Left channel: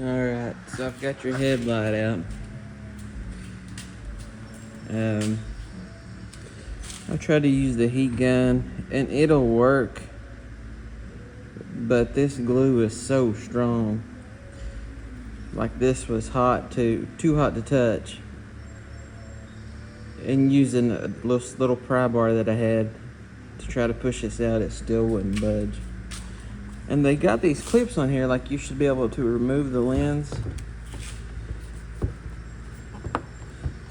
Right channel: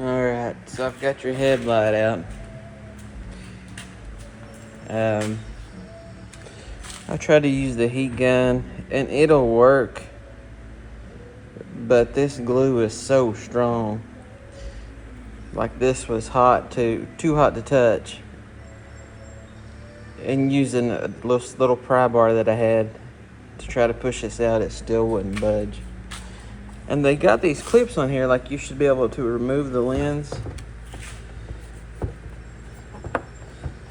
Alright, so I've got your headlight out. I tried to use the heat gun and it'll work, but this glue is so strong. Like this was too hot to touch. And using a little pry bar that I had to try to push this out, it still wouldn't budge. And they got these clips on here, like you should be able to remove the lens.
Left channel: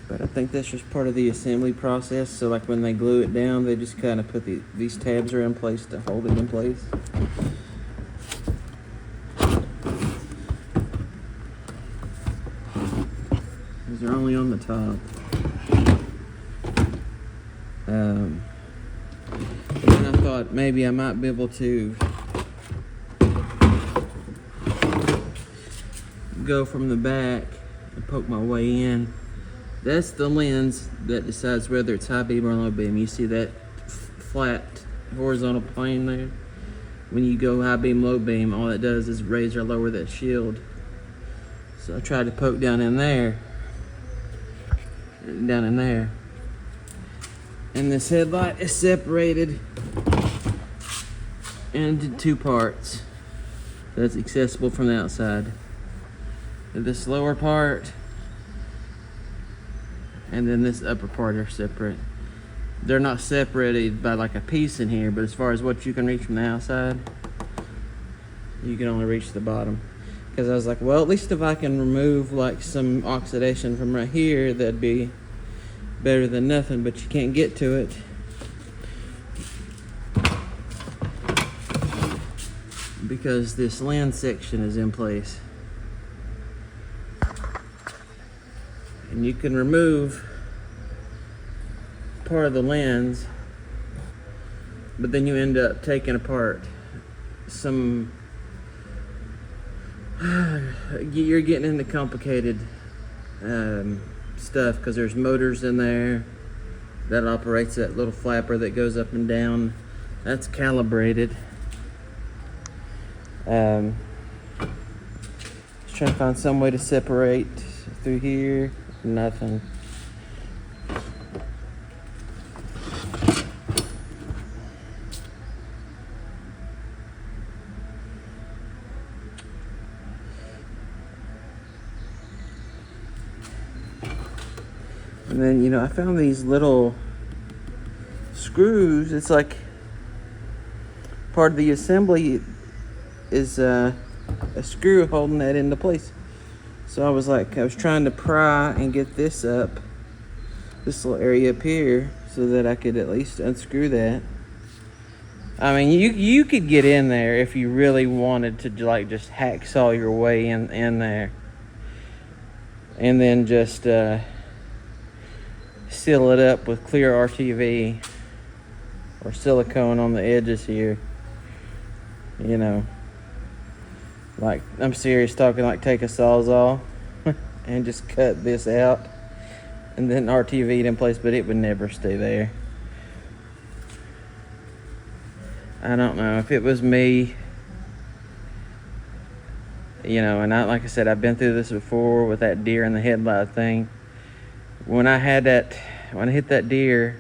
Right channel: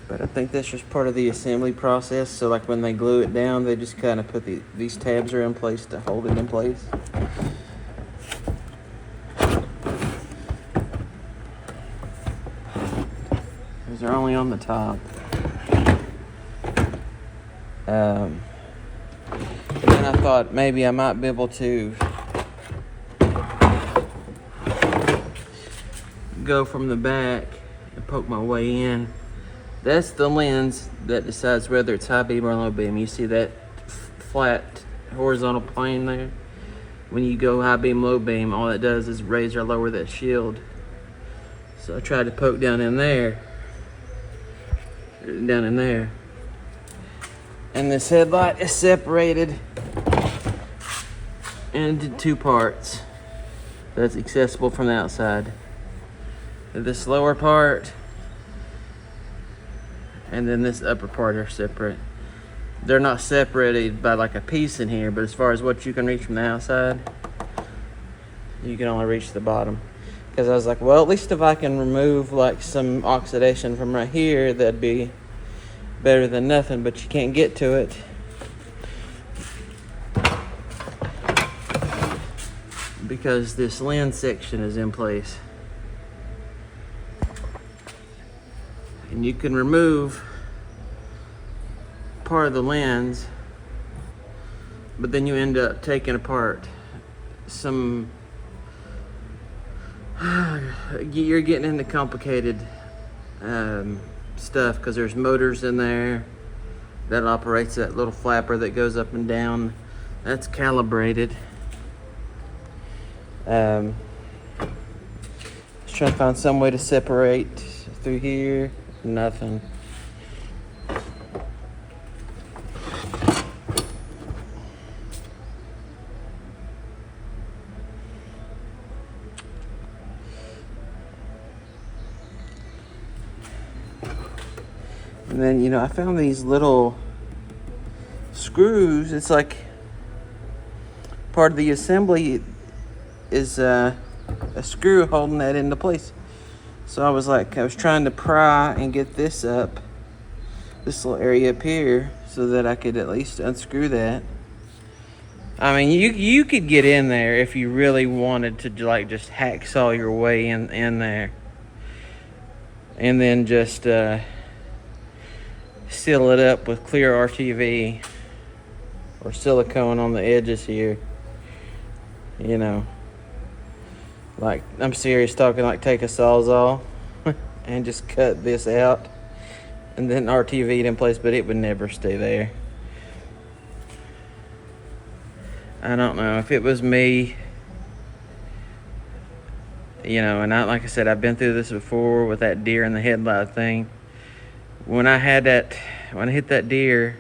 But I think that's just part of the assembly process. So like when they glue it down, they just kind of put these tabs are in place to hold it in place. These are only on the top. And then I thought maybe I might be able to go from the back and poke my way in. That's the lens that decides whether it's high beam or low beam. You see that flat horizontal plane there? When you go high beam, low beam, all it does is raise or lower that shield. So I tried to poke down in there. And this headlight is separated into two parts that's accessible from the outside. This lower part and then this upper part are separate. They're not separated by like a piece in here, but as far as what you can reach from the outside, you can only reach the bottom. Because I was like, well, at least if I can remove like some oxidation from right here, that'd be better than nothing, but you can't get to it. Because this lens section is in place. And you can remove part of the lens, but then you end up taking apart some, you're getting into complicated stuff because there's motors in there that operates that little flapper that goes up and down. That's calibrated. Just trying to find some way to separate through here. Nothing. And then, I found these little screws. It's like part of the assembly is a screw holding that into place. So I was trying to pry and get this up, this little area up here, so that I could at least unscrew that. I mean, you could get in there if you really wanted to, like, just hacksaw your way in there, and then just seal it up with clear RTV or silicone on the edges here. Like, I'm serious talking, like take a Sawzall and just cut this out and then RTV it in place, but it would never stay there. I don't know if it was me, and like I said, I've been through this before with that deer in the headlight thing. When I hit that deer,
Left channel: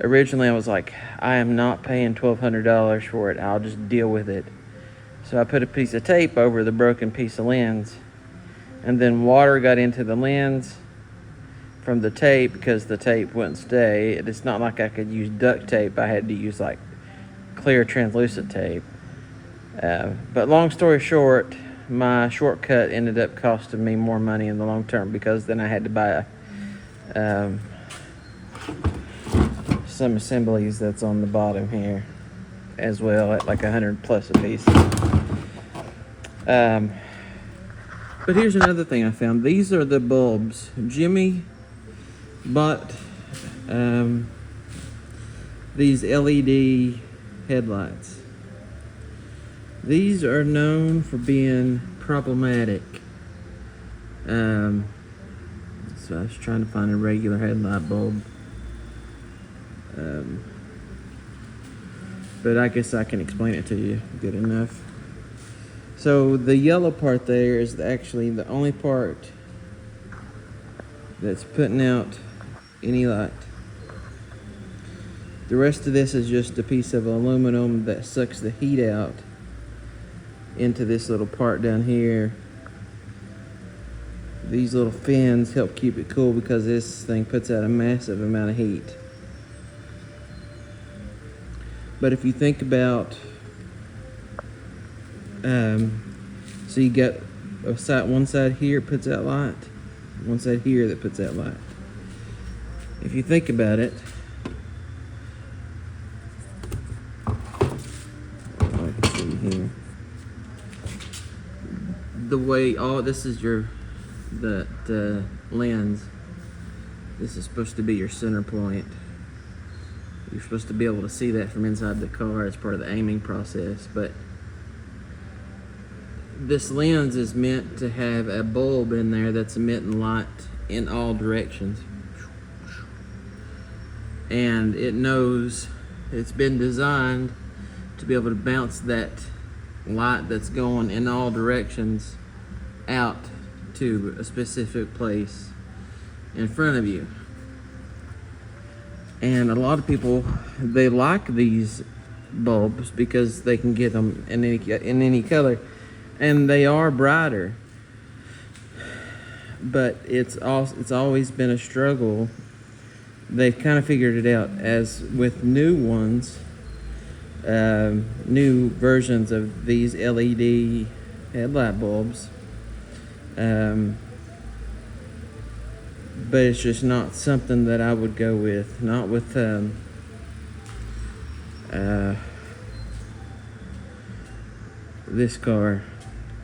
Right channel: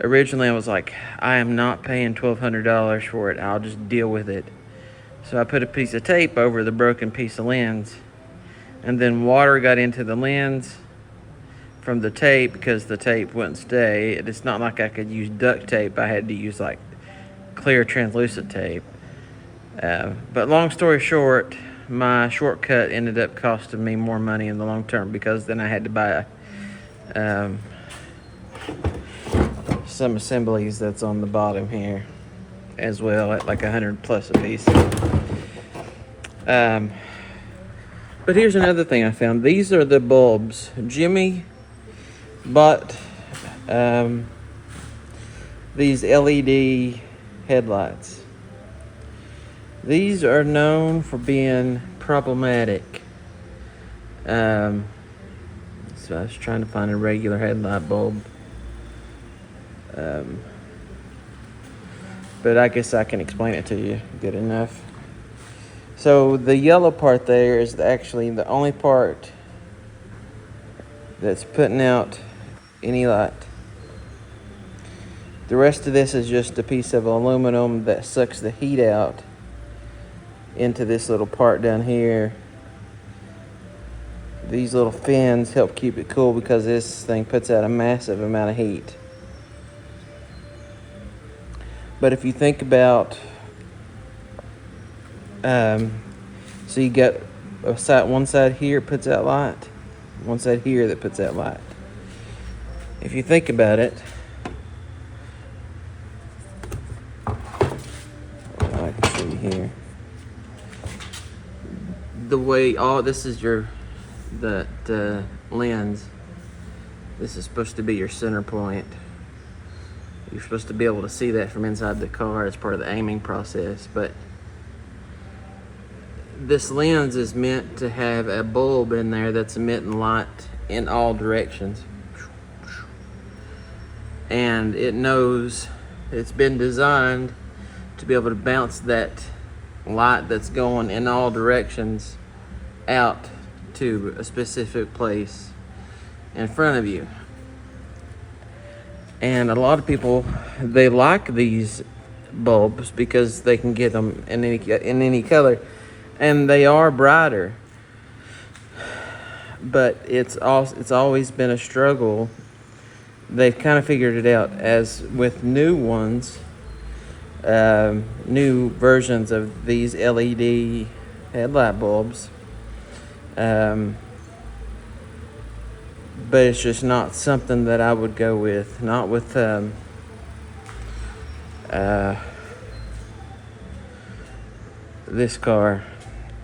originally I was like, I am not paying $1,200 for it. I'll just deal with it. So I put a piece of tape over the broken piece of lens, and then water got into the lens from the tape because the tape wouldn't stay. It's not like I could use duct tape. I had to use like clear translucent tape. But long story short, my shortcut ended up costing me more money in the long term, because then I had to buy some assemblies that's on the bottom here as well, at like $100+ a piece. But here's another thing I found. These are the bulbs. Jimmy bought these LED headlights. These are known for being problematic. So I was trying to find a regular headlight bulb. But I guess I can explain it to you good enough. So the yellow part there is actually the only part that's putting out any light. The rest of this is just a piece of aluminum that sucks the heat out into this little part down here. These little fins help keep it cool because this thing puts out a massive amount of heat. But if you think about, so you got one side here puts out light, one side here that puts out light. If you think about it, I can show you here. The way this is the lens. This is supposed to be your center point. You're supposed to be able to see that from inside the car as part of the aiming process, but this lens is meant to have a bulb in there that's emitting light in all directions. And it knows, it's been designed to be able to bounce that light that's going in all directions out to a specific place in front of you. And a lot of people, they like these bulbs because they can get them in any color, and they are brighter. But it's always been a struggle. They've kind of figured it out, as with new ones, new versions of these LED headlight bulbs. But it's just not something that I would go with. Not with this car.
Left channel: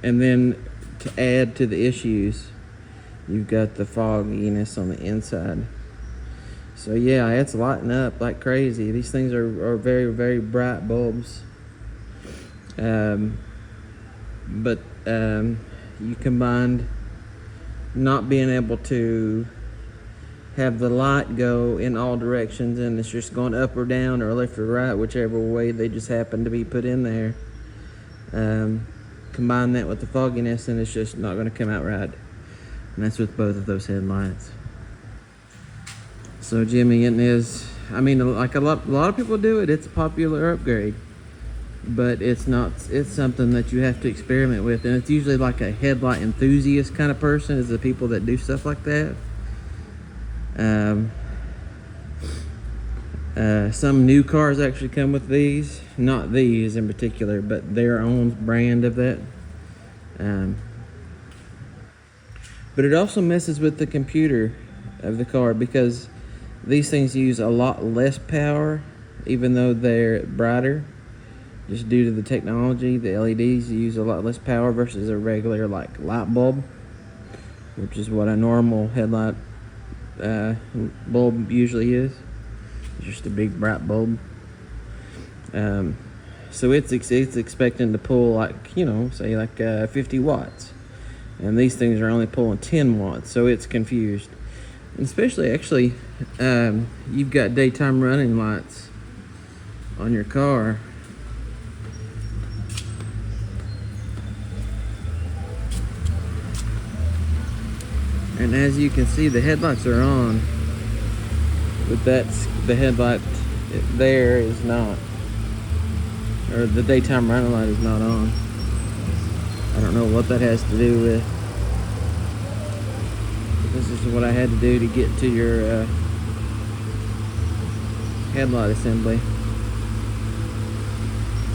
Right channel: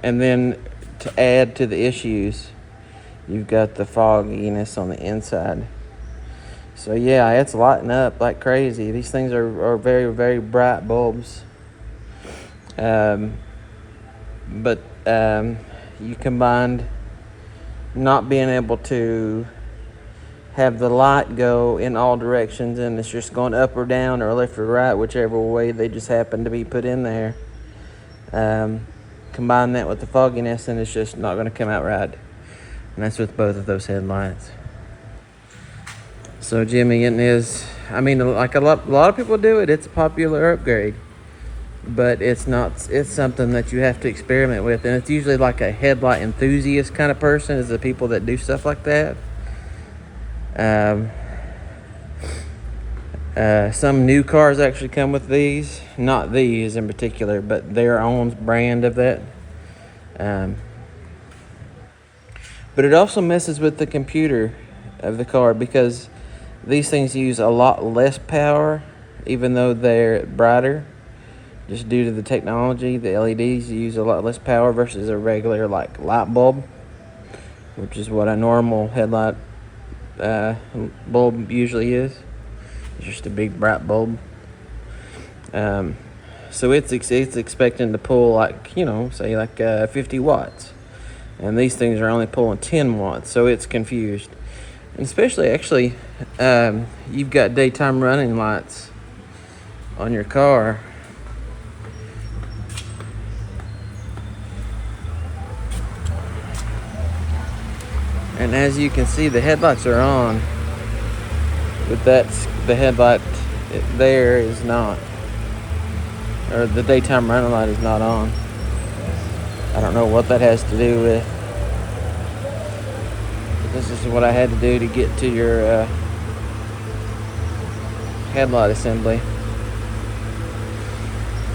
And then to add to the issues, you've got the fogginess on the inside. So yeah, it's lighting up like crazy. These things are very, very bright bulbs. But you combined not being able to have the light go in all directions, and it's just going up or down or left or right, whichever way they just happen to be put in there. Combine that with the fogginess, and it's just not going to come out right. And that's with both of those headlights. So Jimmy, it is, I mean, like a lot of people do it. It's a popular upgrade, but it's something that you have to experiment with. And it's usually like a headlight enthusiast kind of person is the people that do stuff like that. Some new cars actually come with these, not these in particular, but their own brand of that. But it also messes with the computer of the car, because these things use a lot less power, even though they're brighter. Just due to the technology, the LEDs use a lot less power versus a regular like light bulb, which is what a normal headlight bulb usually is. It's just a big bright bulb. So it's expecting to pull like, say like 50 watts, and these things are only pulling 10 watts, so it's confused. And especially actually, you've got daytime running lights on your car. And as you can see, the headlights are on, but the headlight there is not, or the daytime running light is not on. I don't know what that has to do with. This is what I had to do to get to your headlight assembly.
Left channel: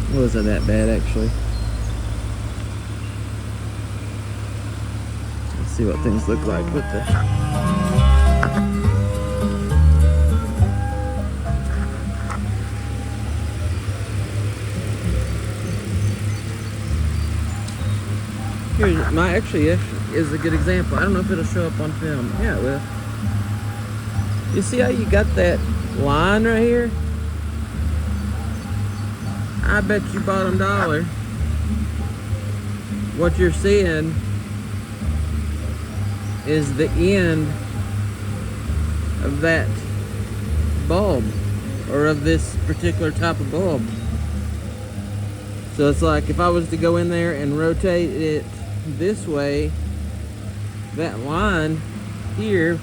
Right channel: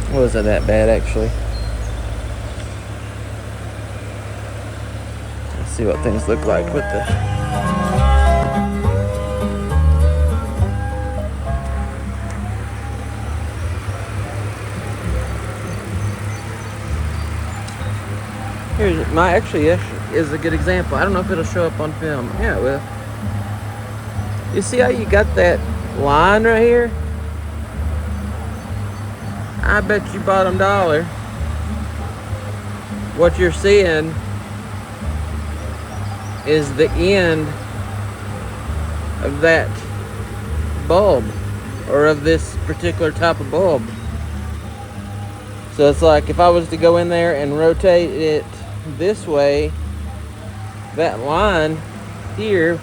It wasn't that bad actually. Let's see what things look like with the actually is a good example. I don't know if it'll show up on film. Yeah, it will. You see how you got that line right here? I bet you bottom dollar what you're seeing is the end of that bulb, or of this particular type of bulb. So it's like if I was to go in there and rotate it this way, that line here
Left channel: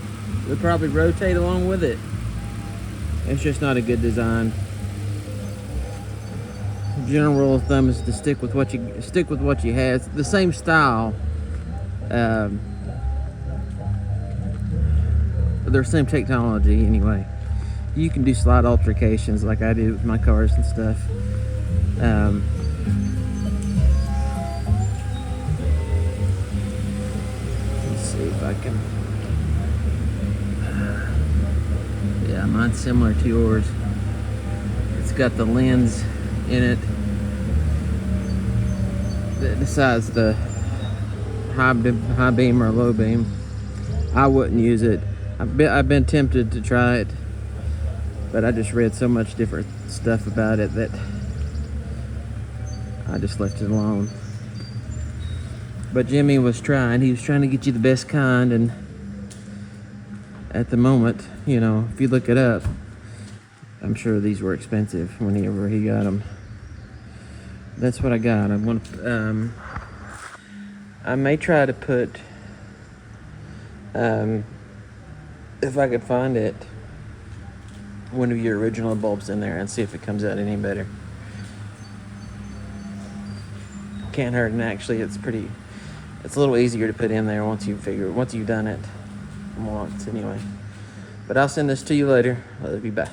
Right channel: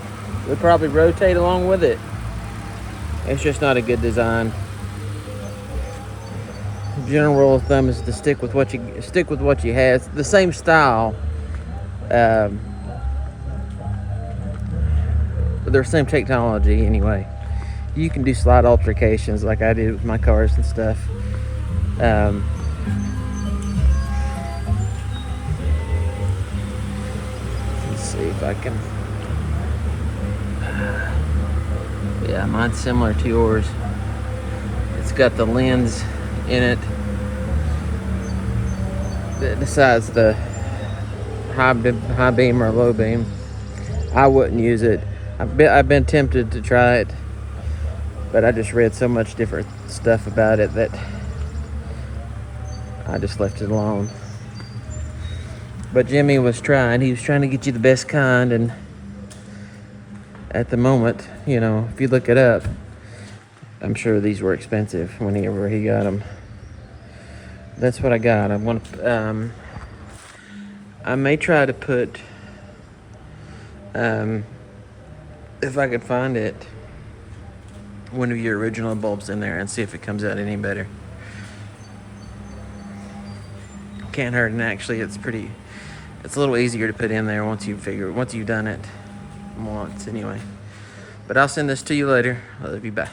would probably rotate along with it. It's just not a good design. General rule of thumb is to stick with what you have. It's the same style, but they're the same technology anyway. You can do slight alterations like I do with my cars and stuff. Let's see if I can. Yeah, mine's similar to yours. It's got the lens in it that decides the high beam or low beam. I wouldn't use it. I've been tempted to try it, but I just read so much different stuff about it that I just left it alone. But Jimmy was trying. He was trying to get you the best kind, and at the moment, you know, if you look it up, I'm sure these were expensive whenever he got them. That's what I got. I want. I may try to put, if I could find it, one of your original bulbs in there and see if it comes out any better. Can't hurt, and actually, it's a little easier to put in there once you've done it once anyway. But I'll send this to you later. I love you. Bye.